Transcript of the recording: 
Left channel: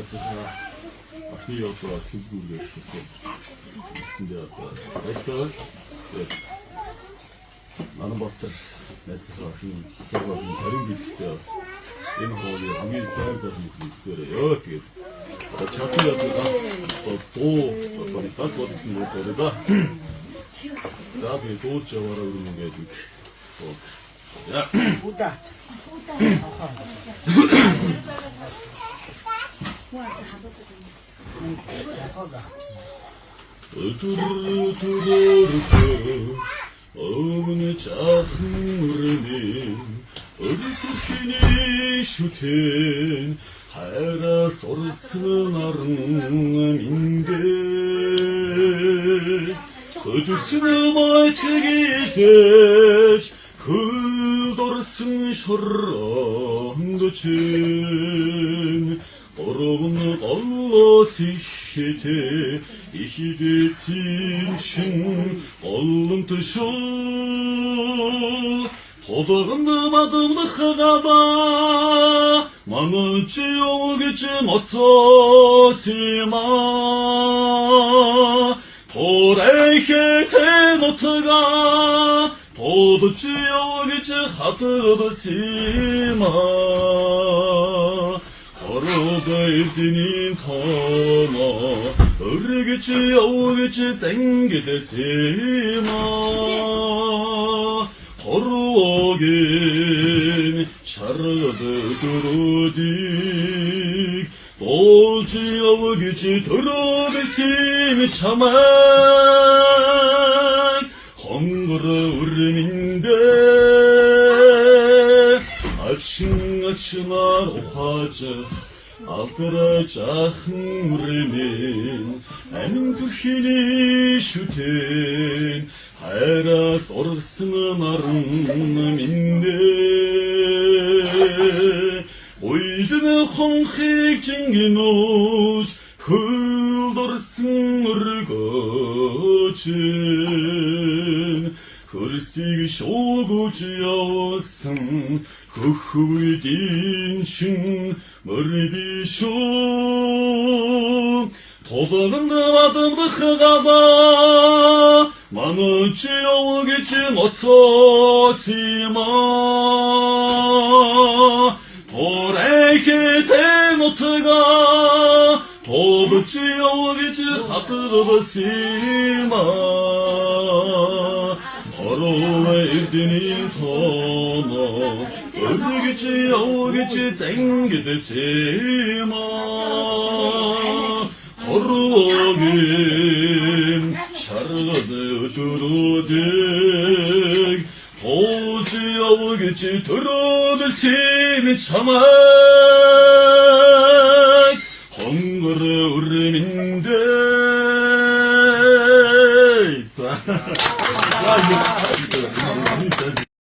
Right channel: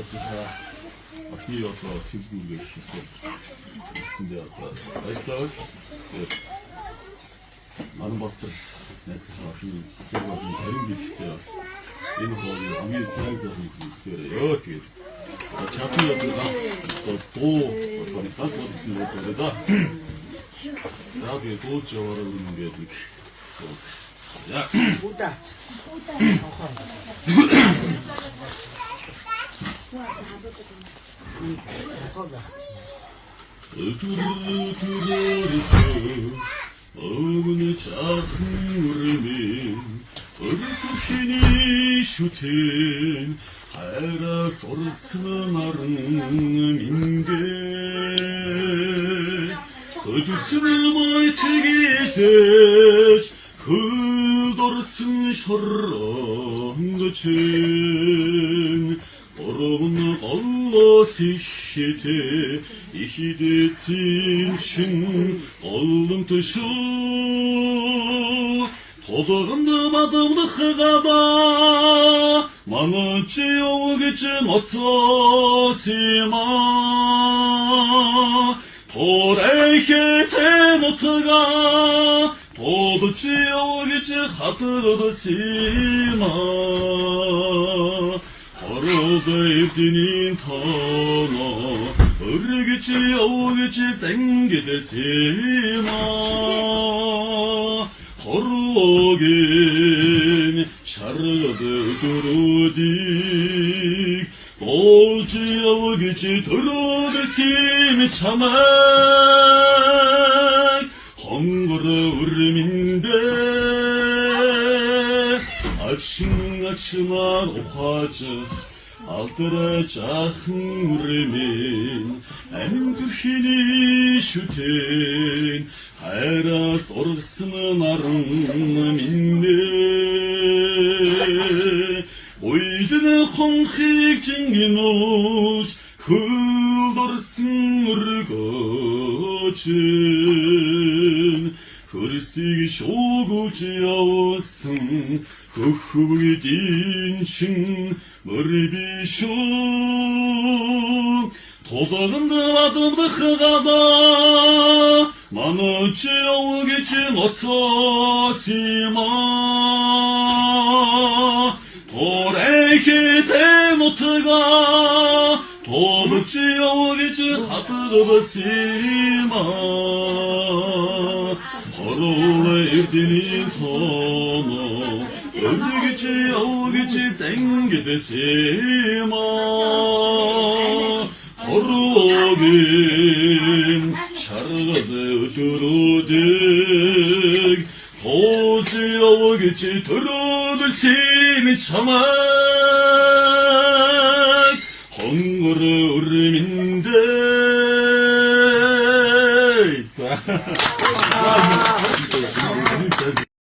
ажлаа ахны одоо сэлгүүгээр шүүсэн. Эсэндээ одоо баярлалаа. Манай болтол найзлахаа ахны зөвхөн харин бидэхтэй бас энэ хуулийг хамгийн сайн хүсээрээ тэгээд чатны одоо ганц дуу одоо ганц бодсон үг байна да. За би дуулж яваараа үргэлжлээд яа. Удаач. Ömrü çahırımın Örtükini şüken Hayra sorsın arınıminde Ödüsünü maytı gideç Kıldorsın şarran göçün Orun Allah sihheti İhidetsin şin Oğlum tuşu Todağındım adımlı hıgada Manıcı yol gücüm otsosima Tor eyketen otıga Todıcı yol gücü hatırdı sima Arada evdinin tama Örgücü yavgıcı zengidesima Koruagin şargıdı durudik Dolcu yavgıcı durugesin çamak Hangırı ürminde Açınar okacak Altıra çahırımın En zürhini şüten Hayra sorsın arınıminde Oydunu konxik cingin uç Kıldorsın ırgacın Hırstig şogucu yavsın Kuhuy dinçin mırbişun Todağındım adımdı hıgada Manıcı yol geçim otsosima Tor eyketen otıga Todıcı yol geçi hatırlısına Arula evdinin tona Örgücü yavgıcı zengidesima Koruagin şargıdı durudik Toğucu yavgıcı durudu seni çamak Hangırı ürminde Bravo.